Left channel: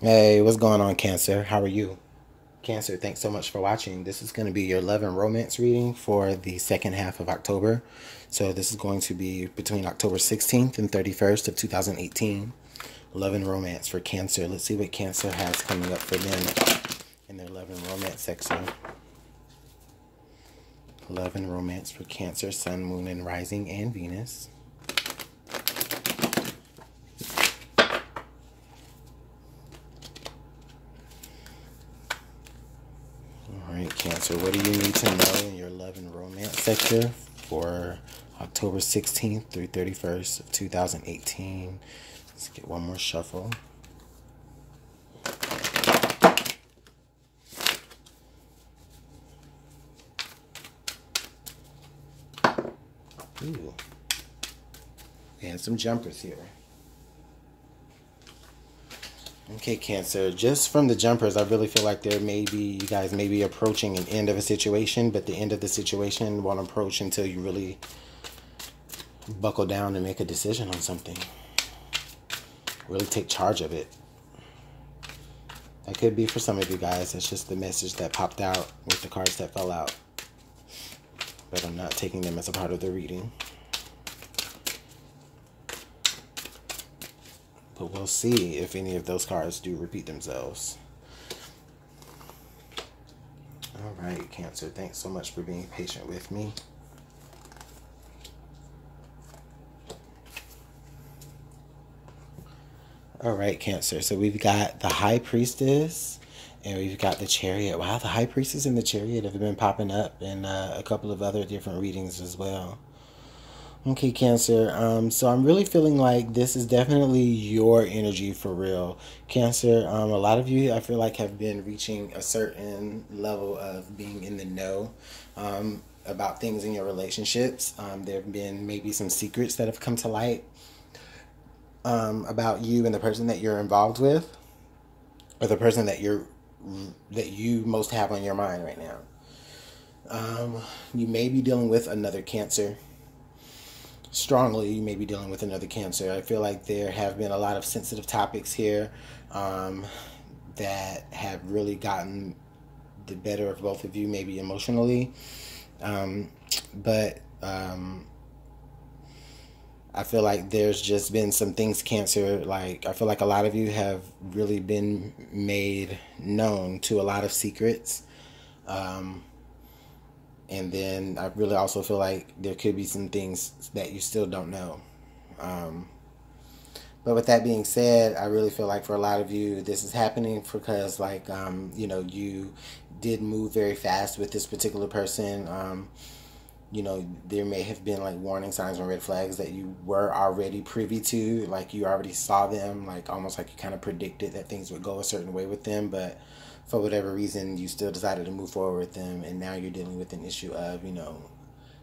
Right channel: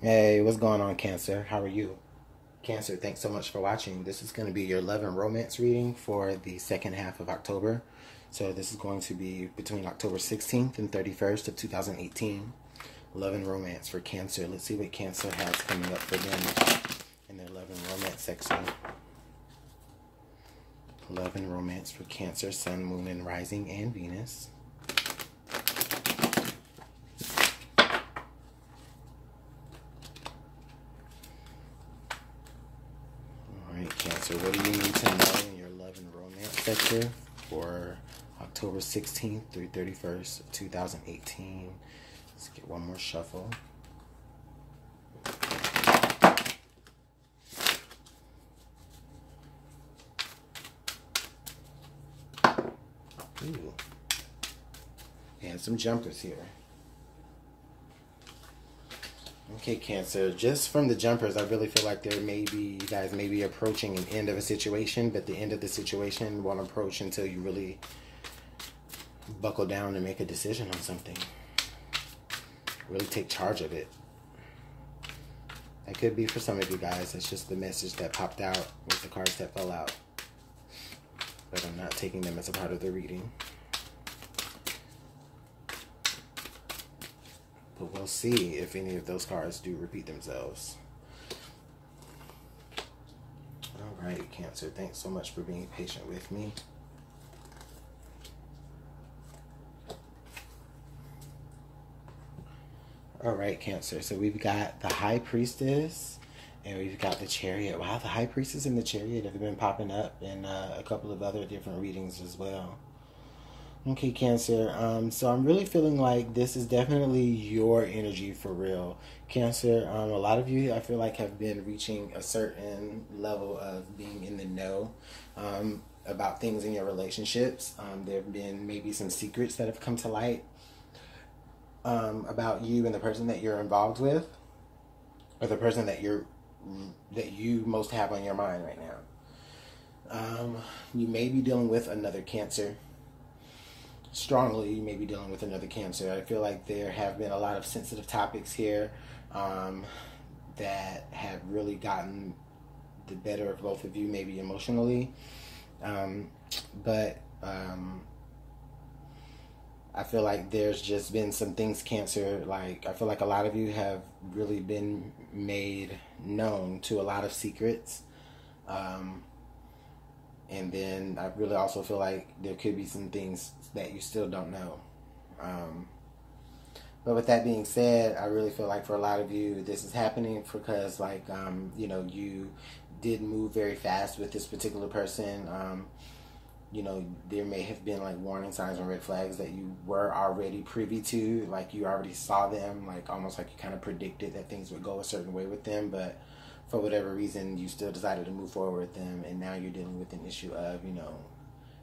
Hey, what's going on, Cancer? How are you? Cancer, thanks so much for watching. This is going to be your love and romance reading for the second half of October. So this is going to be between October 16th and 31st of 2018. Love and romance for Cancer. Let's see what Cancer has coming up for them in their love and romance section. Love and romance for Cancer, Sun, Moon, and Rising, and Venus. Alright, Cancer, what do you need to know in your love and romance sector for October 16th through 31st of 2018? Let's get one more shuffle. Ooh. And some jumpers here. Okay, Cancer, just from the jumpers, I really feel like you guys may be approaching an end of a situation, but the end of the situation won't approach until you really buckle down and make a decision on something. Really take charge of it. That could be for some of you guys. It's just the message that popped out with the cards that fell out. But I'm not taking them as a part of the reading. But we'll see if any of those cards do repeat themselves. Alright, Cancer, thanks so much for being patient with me. Alright, Cancer, so we've got the High Priestess and we've got the Chariot. Wow, the High Priestess and the Chariot have been popping up in a couple of other different readings as well. Okay, Cancer, so I'm really feeling like this is definitely your energy for real. Cancer, a lot of you, I feel like, have been reaching a certain level of being in the know about things in your relationships. There have been maybe some secrets that have come to light about you and the person that you're involved with, or the person that you most have on your mind right now. You may be dealing with another Cancer. Strongly, you may be dealing with another Cancer. I feel like there have been a lot of sensitive topics here that have really gotten the better of both of you, maybe emotionally. But I feel like there's just been some things, Cancer, like I feel like a lot of you have really been made known to a lot of secrets. And then I really also feel like there could be some things that you still don't know. But with that being said, I really feel like for a lot of you, this is happening because, like, you know, you did move very fast with this particular person. You know, there may have been, like, warning signs and red flags that you were already privy to. Like, you already saw them, like, almost like you kind of predicted that things would go a certain way with them. But for whatever reason, you still decided to move forward with them, and now you're dealing with an issue of, you know,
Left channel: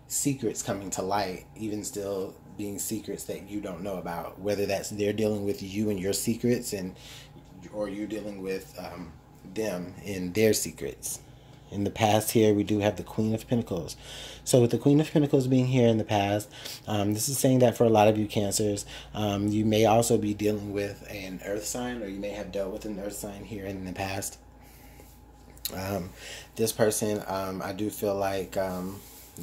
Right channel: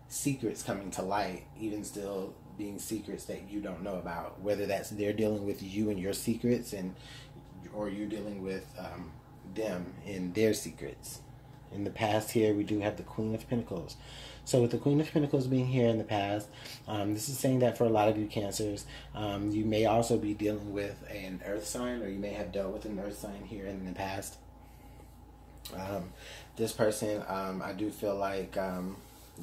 secrets coming to light, even still being secrets that you don't know about. Whether that's they're dealing with you and your secrets, or you're dealing with them and their secrets. In the past here, we do have the Queen of Pentacles. So with the Queen of Pentacles being here in the past, this is saying that for a lot of you Cancers, you may also be dealing with an earth sign, or you may have dealt with an earth sign here in the past. This person, I do feel like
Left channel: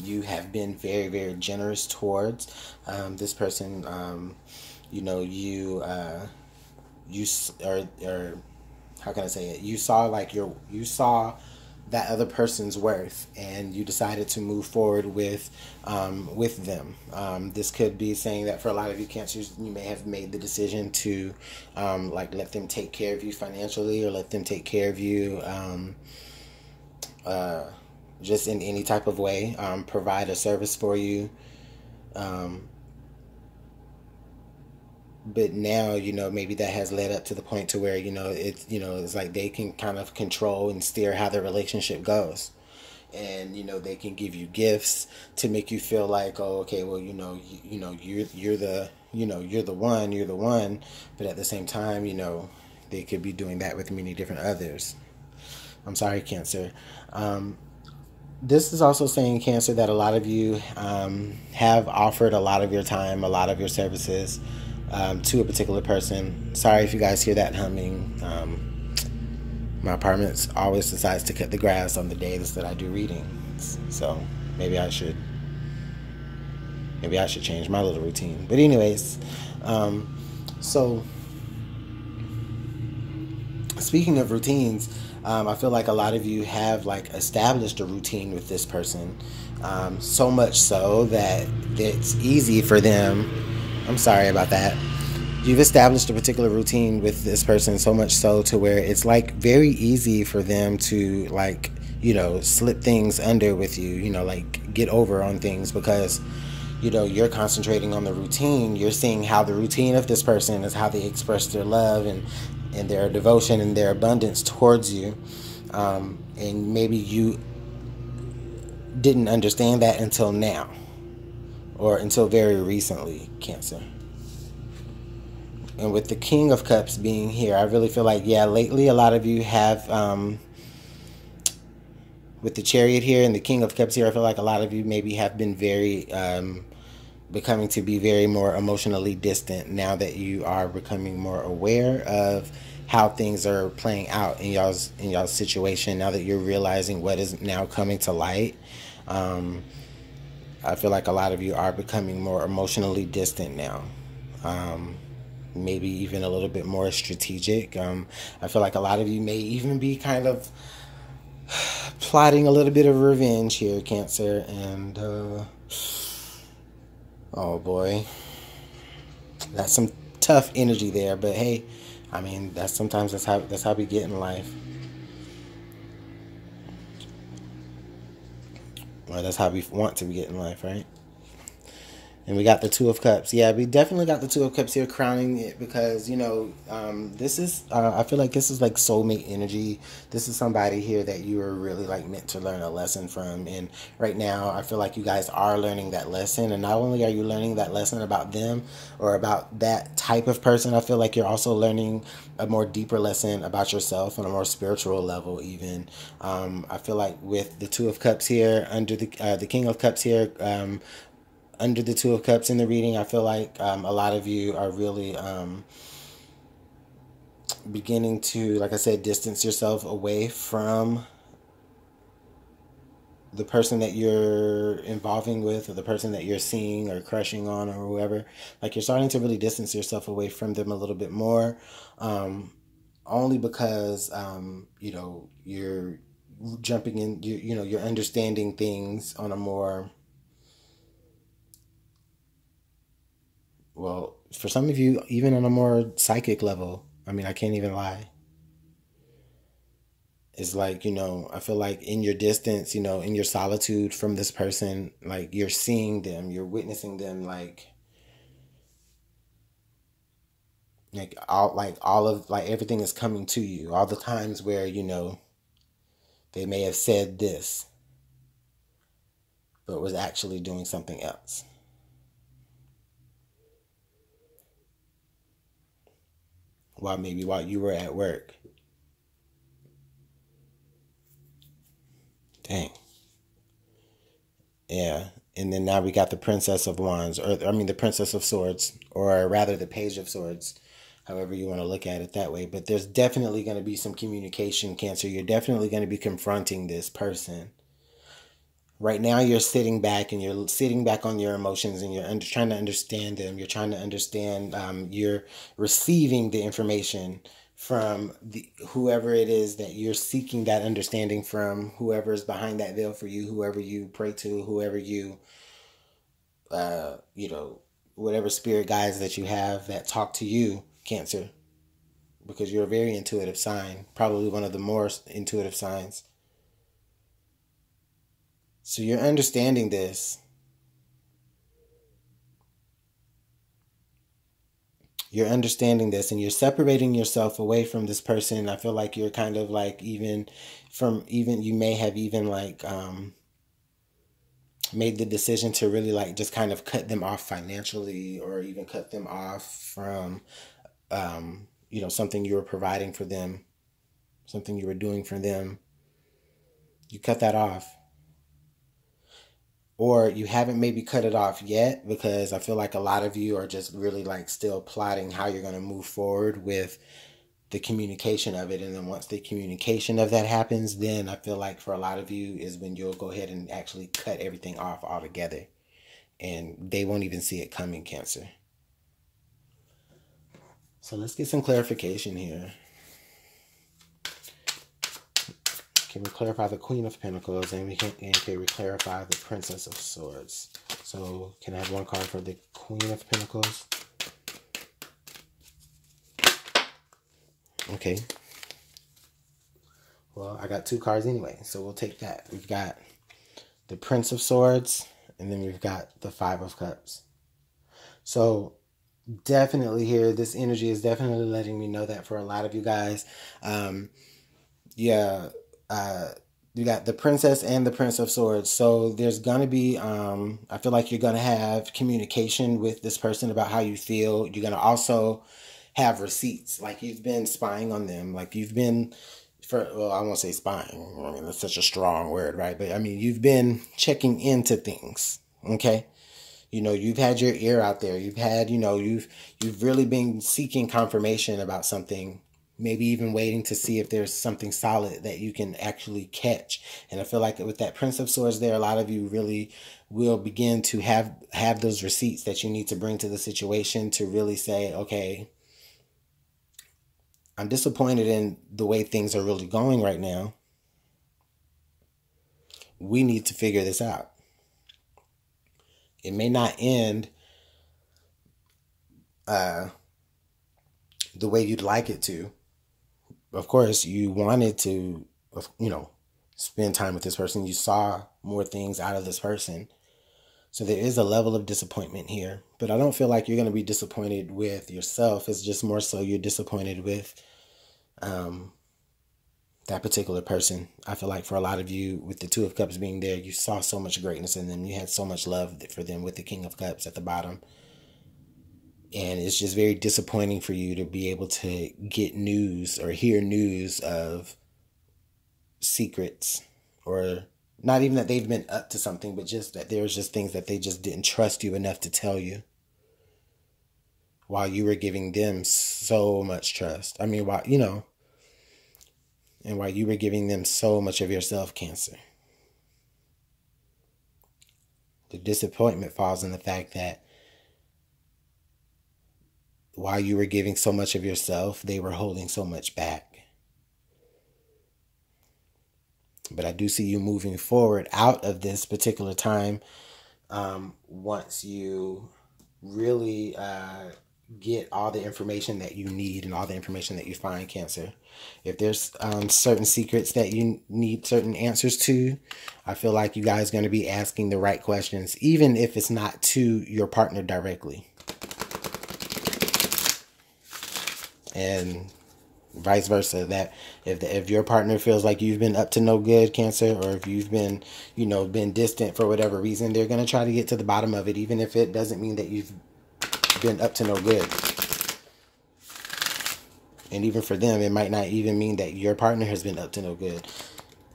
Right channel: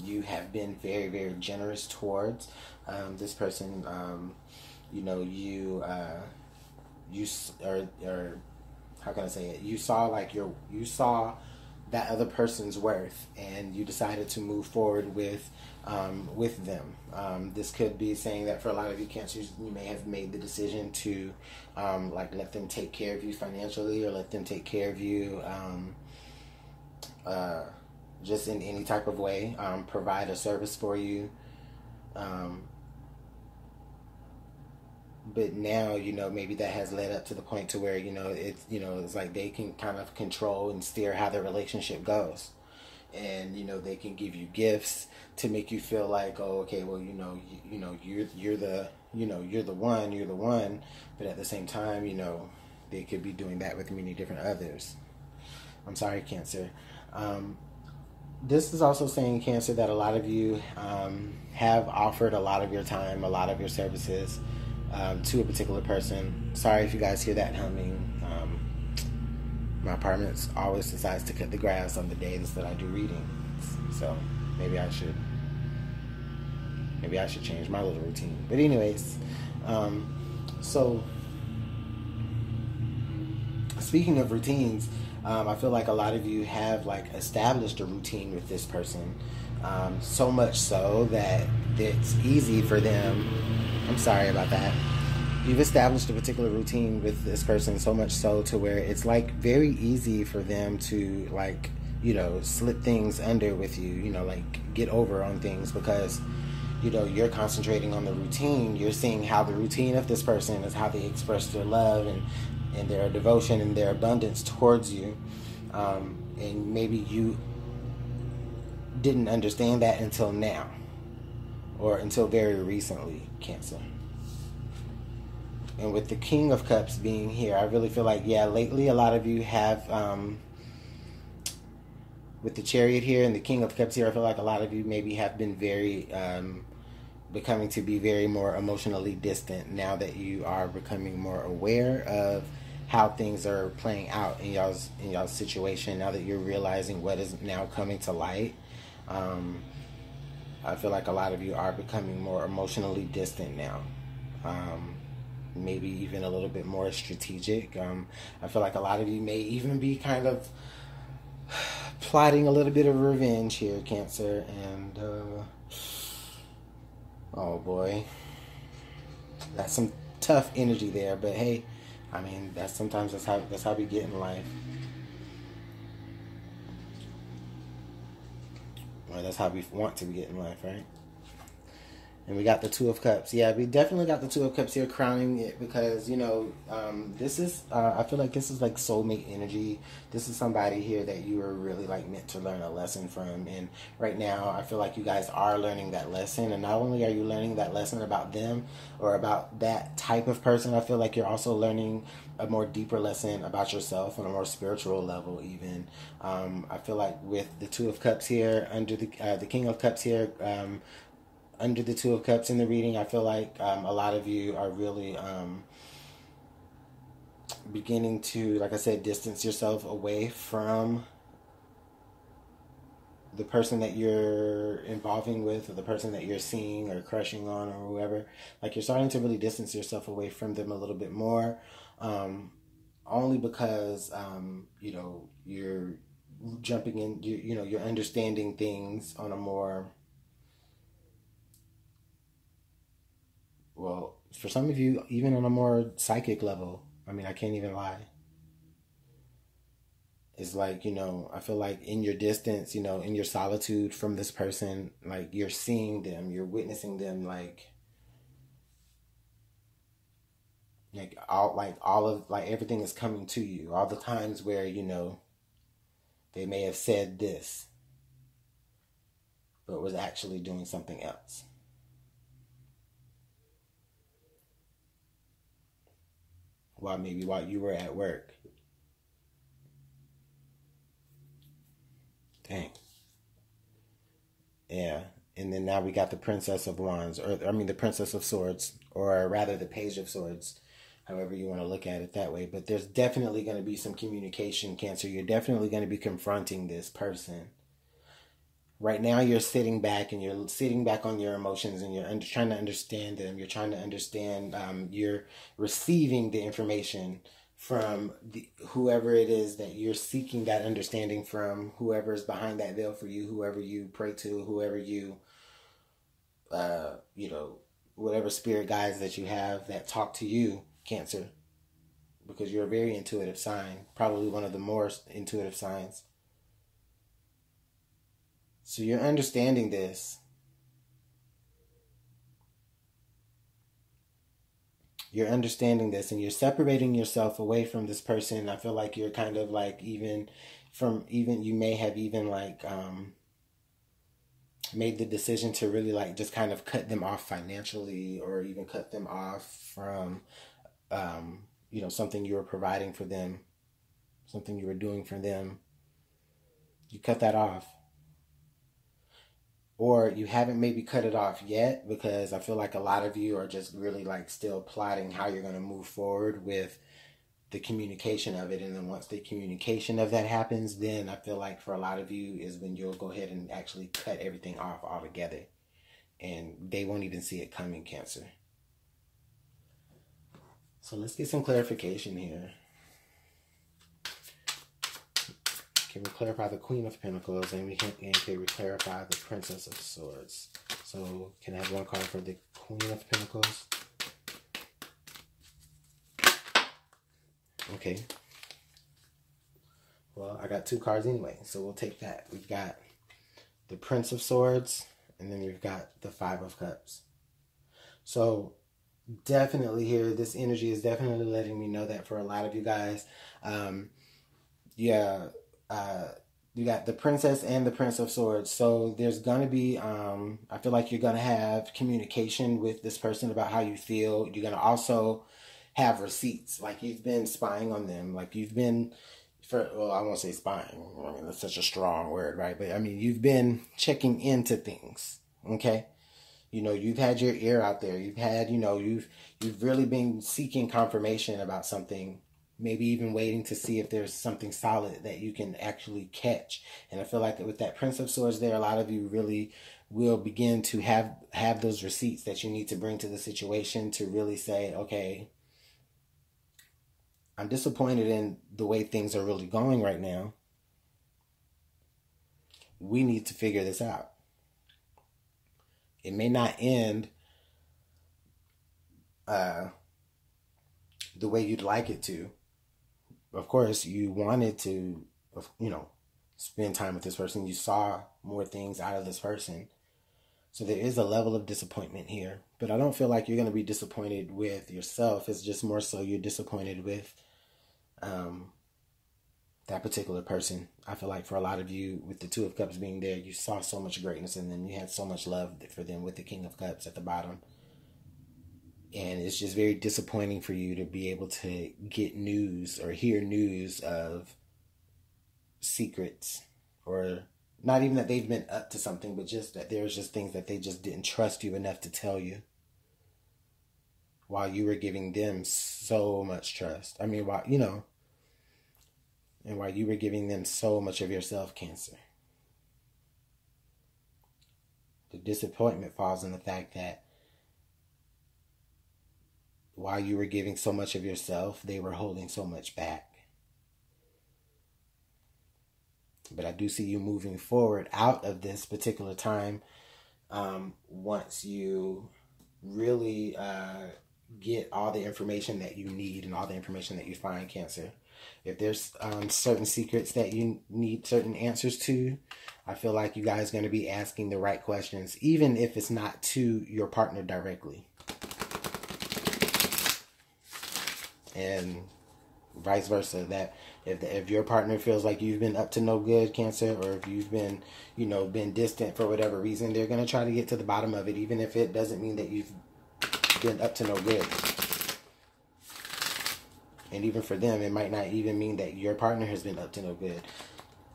you have been very, very generous towards. This person, you know, you or how can I say it? You saw that other person's worth, and you decided to move forward with them. This could be saying that for a lot of you Cancers, you may have made the decision to like let them take care of you financially, or let them take care of you just in any type of way, provide a service for you. But now, you know, maybe that has led up to the point to where, you know, it's like they can kind of control and steer how their relationship goes. And, you know, they can give you gifts to make you feel like, oh, okay, well, you're the one. But at the same time, you know, they could be doing that with many different others. I'm sorry, Cancer. This is also saying, Cancer, that a lot of you have offered a lot of your time, a lot of your services to a particular person. Sorry if you guys hear that humming. My apartment always decides to cut the grass on the days that I do readings. So maybe I should change my little routine. But anyways, so speaking of routines, I feel like a lot of you have like established a routine with this person, so much so that it's easy for them. I'm sorry about that. You've established a particular routine with this person so much so to where it's like very easy for them to like, slip things under with you, like get over on things because, you're concentrating on the routine. You're seeing how the routine of this person is how they express their love and their devotion and their abundance towards you. And maybe you didn't understand that until now or until very recently, Cancer. And with the King of Cups being here, I really feel like, lately a lot of you have, with the Chariot here and the King of Cups here, I feel like a lot of you maybe have been very, becoming to be very more emotionally distant now that you are becoming more aware of how things are playing out in y'all's situation. Now that you're realizing what is now coming to light, I feel like a lot of you are becoming more emotionally distant now. Maybe even a little bit more strategic. I feel like a lot of you may even be kind of plotting a little bit of revenge here, Cancer. And oh boy, that's some tough energy there. But hey, I mean, that's how we get in life. Well, that's how we want to get in life, right? And we got the Two of Cups. Yeah, we definitely got the Two of Cups here crowning it because, this is, I feel like this is like soulmate energy. This is somebody here that you are really like meant to learn a lesson from. And right now, I feel like you guys are learning that lesson. And not only are you learning that lesson about them or about that type of person, I feel like you're also learning a more deeper lesson about yourself on a more spiritual level even. I feel like with the Two of Cups here, under the King of Cups here, under the Two of Cups in the reading, I feel like a lot of you are really beginning to, like I said, distance yourself away from the person that you're involving with or the person that you're seeing or crushing on or whoever. Like you're starting to really distance yourself away from them a little bit more, only because, you're jumping in, you're understanding things on a more... Well, for some of you, even on a more psychic level, I mean, I can't even lie. It's like, I feel like in your distance, in your solitude from this person, like you're seeing them, you're witnessing them, like all of everything is coming to you. All the times where, they may have said this, but was actually doing something else. While you were at work. Dang. Yeah. And then now we got the Princess of Wands, the Princess of Swords, or rather the Page of Swords, however you want to look at it that way. But there's definitely going to be some communication, Cancer. You're definitely going to be confronting this person. Right now you're sitting back and you're sitting back on your emotions and you're trying to understand them. You're trying to understand, you're receiving the information from whoever it is that you're seeking that understanding from, whoever is behind that veil for you, whoever you pray to, whoever you, whatever spirit guides that you have that talk to you, Cancer, because you're a very intuitive sign, probably one of the more intuitive signs. So you're understanding this. You're understanding this and you're separating yourself away from this person. I feel like you're kind of like you may have even like made the decision to really like just kind of cut them off financially or even cut them off from, something you were providing for them, something you were doing for them. You cut that off. Or you haven't maybe cut it off yet because I feel like a lot of you are just really like still plotting how you're going to move forward with the communication of it. And then once the communication of that happens, then I feel like for a lot of you is when you'll go ahead and actually cut everything off altogether. And they won't even see it coming, Cancer. So let's get some clarification here. Can we clarify the Queen of Pentacles, and can we clarify the Princess of Swords? So can I have one card for the Queen of Pentacles? Okay. Well, I got 2 cards anyway, so we'll take that. We've got the Prince of Swords, and then we've got the 5 of Cups. So definitely here, this energy is definitely letting me know that for a lot of you guys, you got the Princess and the Prince of Swords. So there's gonna be I feel like you're gonna have communication with this person about how you feel. You're gonna also have receipts, like you've been spying on them, like you've been, well, I won't say spying, I mean that's such a strong word, right? But I mean you've been checking into things, okay? You know, you've had your ear out there. You've had, you know, you've really been seeking confirmation about something, maybe even waiting to see if there's something solid that you can actually catch. And I feel like with that Prince of Swords there, a lot of you really will begin to have those receipts that you need to bring to the situation to really say, okay, I'm disappointed in the way things are really going right now. We need to figure this out. It may not end the way you'd like it to. Of course, you wanted to, you know, spend time with this person. You saw more things out of this person. So there is a level of disappointment here. But I don't feel like you're going to be disappointed with yourself. It's just more so you're disappointed with that particular person. I feel like for a lot of you, with the 2 of Cups being there, you saw so much greatness in them. You had so much love for them with the King of Cups at the bottom. And it's just very disappointing for you to be able to get news or hear news of secrets, or not even that they've been up to something, but just that there's just things that they just didn't trust you enough to tell you, while you were giving them so much trust. I mean, while, you know, and while you were giving them so much of yourself, Cancer. The disappointment falls in the fact that while you were giving so much of yourself, they were holding so much back. But I do see you moving forward out of this particular time once you really get all the information that you need and all the information that you find, Cancer. If there's certain secrets that you need certain answers to, I feel like you guys are going to be asking the right questions, even if it's not to your partner directly. And vice versa, that if your partner feels like you've been up to no good, Cancer, or if you've been, you know, been distant for whatever reason, they're going to try to get to the bottom of it, even if it doesn't mean that you've been up to no good. And even for them, it might not even mean that your partner has been up to no good.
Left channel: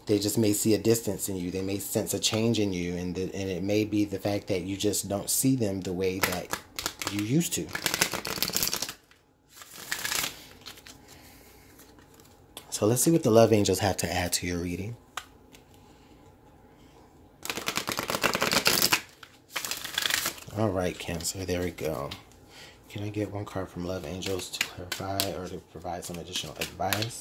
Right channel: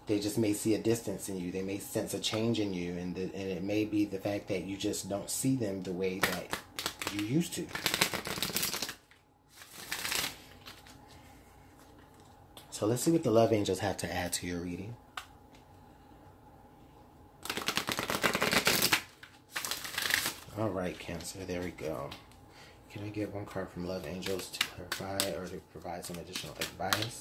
They just may see a distance in you. They may sense a change in you. And it may be the fact that you just don't see them the way that you used to. So let's see what the love angels have to add to your reading. All right, Cancer, there we go. Can I get one card from love angels to clarify or to provide some additional advice?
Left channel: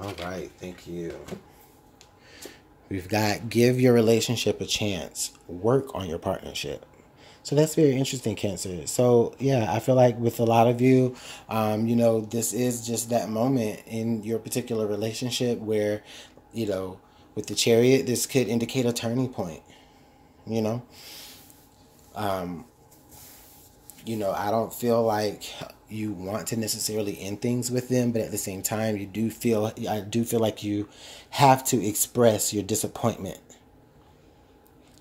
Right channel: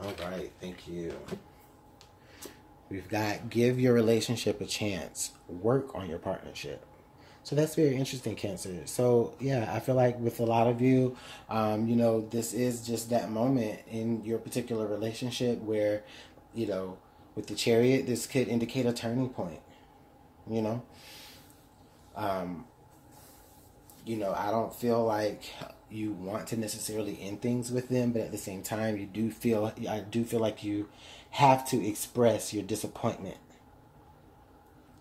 All right, thank you. We've got give your relationship a chance. Work on your partnership. So that's very interesting, Cancer. So, yeah, I feel like with a lot of you, you know, this is just that moment in your particular relationship where, you know, with the Chariot, this could indicate a turning point, you know. You know, I don't feel like you want to necessarily end things with them, but at the same time, I do feel like you have to express your disappointment.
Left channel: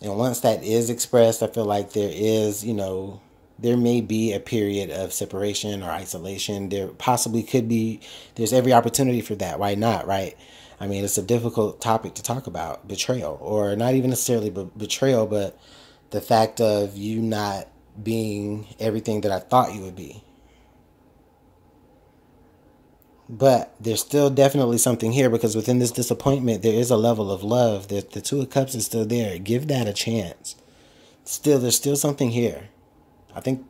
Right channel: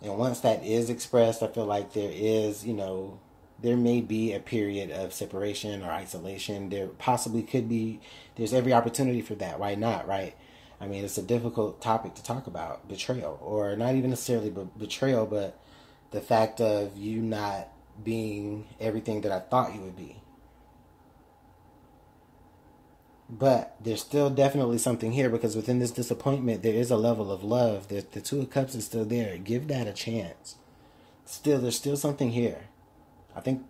And once that is expressed, I feel like there is, you know, there may be a period of separation or isolation. There possibly could be, there's every opportunity for that. Why not, right? I mean, it's a difficult topic to talk about, betrayal, or not even necessarily betrayal, but the fact of you not being everything that I thought you would be. But there's still definitely something here, because within this disappointment, there is a level of love. The Two of Cups is still there. Give that a chance. There's still something here. I think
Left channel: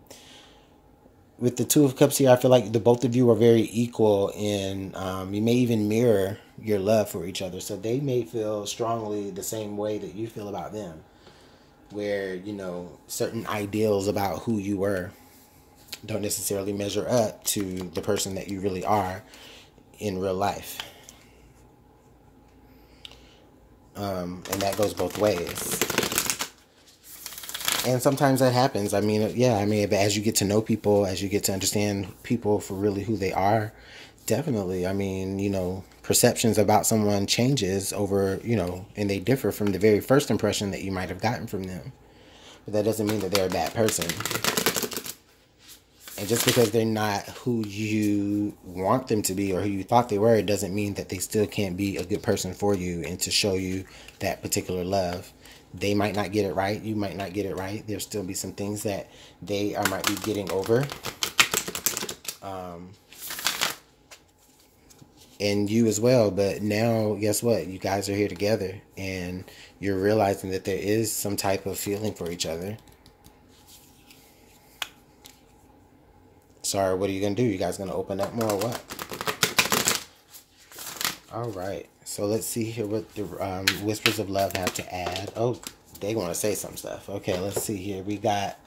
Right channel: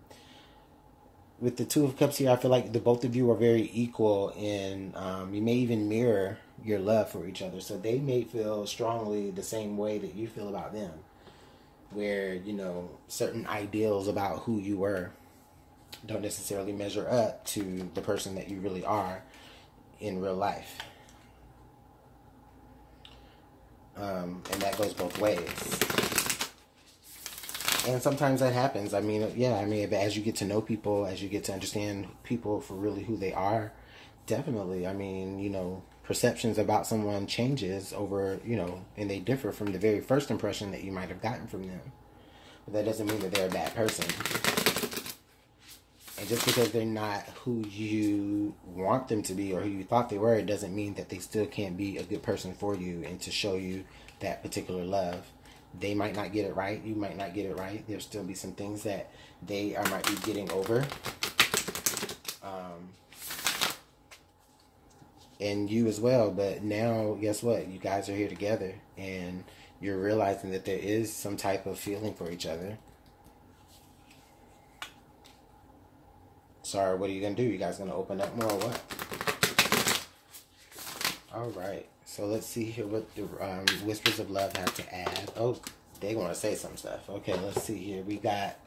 with the Two of Cups here, I feel like the both of you are very equal, and you may even mirror your love for each other. So they may feel strongly the same way that you feel about them, where, you know, certain ideals about who you were don't necessarily measure up to the person that you really are in real life. And that goes both ways. And sometimes that happens. I mean, yeah, as you get to know people, as you get to understand people for really who they are, definitely, I mean, you know, perceptions about someone changes over, you know, and they differ from the very first impression that you might have gotten from them. But that doesn't mean that they're a bad person. And just because they're not who you want them to be or who you thought they were, it doesn't mean that they still can't be a good person for you and to show you that particular love. They might not get it right. You might not get it right. There'll still be some things that they might be getting over. And you as well. But now, guess what? You guys are here together, and you're realizing that there is some type of feeling for each other. Sorry, what are you going to do? You guys going to open up more or what? All right. So let's see here what the Whispers of Love have to add. Oh, they want to say some stuff. Okay, let's see here. We got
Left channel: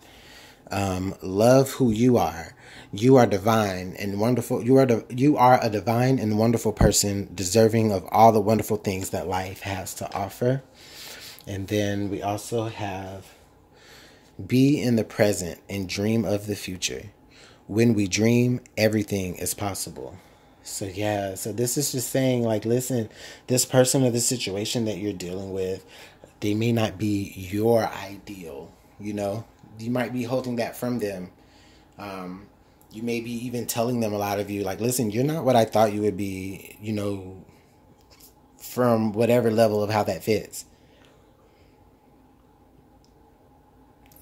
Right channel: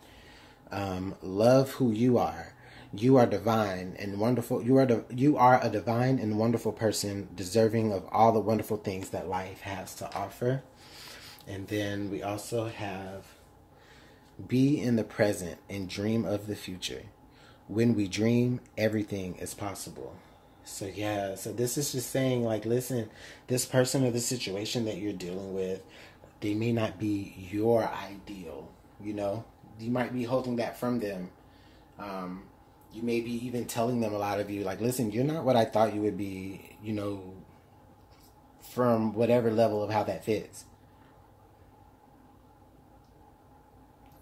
love who you are. You are divine and wonderful. You are a divine and wonderful person, deserving of all the wonderful things that life has to offer. And then we also have be in the present and dream of the future. When we dream, everything is possible. So yeah, so this is just saying, like, listen, this person or this situation that you're dealing with, they may not be your ideal, you know? You might be holding that from them. You may be even telling them, a lot of you, like, listen, you're not what I thought you would be, you know, from whatever level of how that fits.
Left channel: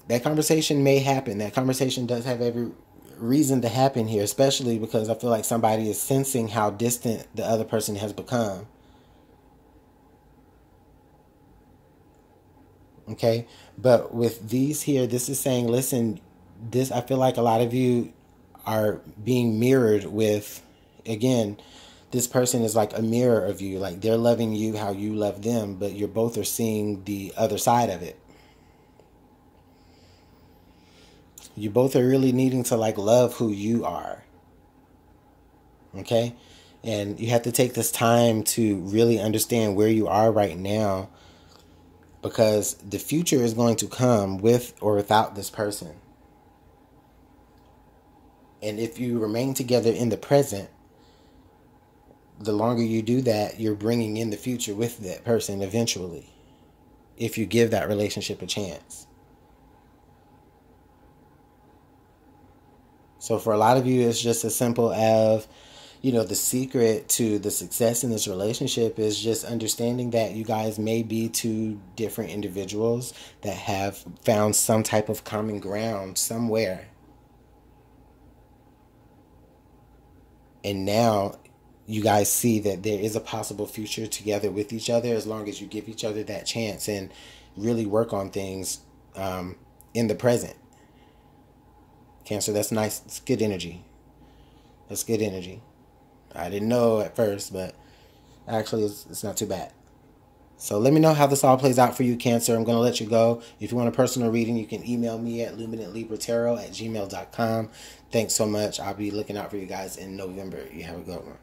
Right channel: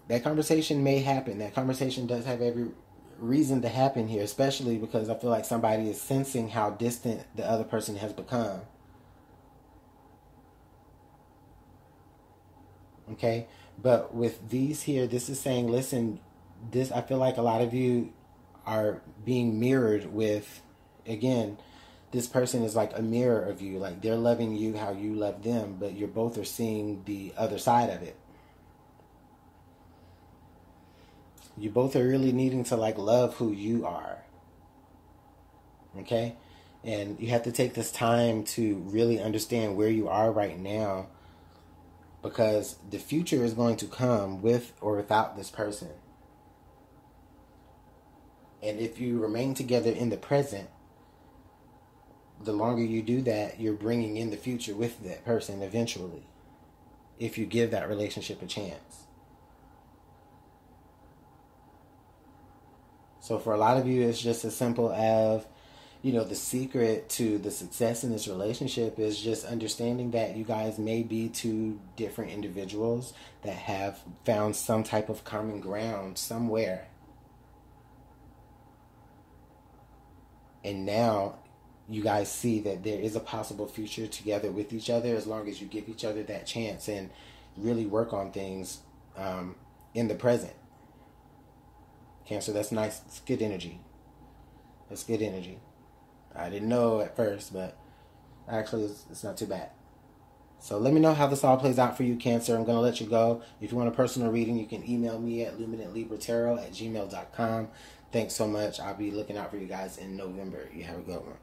That conversation may happen. That conversation does have every reason to happen here, especially because I feel like somebody is sensing how distant the other person has become. Okay, but with these here, this is saying, listen, this, I feel like a lot of you are being mirrored with, again, this person is like a mirror of you. Like, they're loving you how you love them, but you both are seeing the other side of it. You both are really needing to, like, love who you are. Okay? And you have to take this time to really understand where you are right now, because the future is going to come with or without this person. And if you remain together in the present, the longer you do that, you're bringing in the future with that person eventually, if you give that relationship a chance. So for a lot of you, it's just as simple as, you know, the secret to the success in this relationship is just understanding that you guys may be two different individuals that have found some type of common ground somewhere. And now you guys see that there is a possible future together with each other, as long as you give each other that chance and really work on things in the present. Cancer, that's nice. It's good energy. That's good energy. I didn't know at first, but actually it's not too bad. So let me know how this all plays out for you, Cancer. I'm going to let you go. If you want a personal reading, you can email me at LuminantLibraTarot@gmail.com. Thanks so much. I'll be looking out for you guys in November. You have a good one.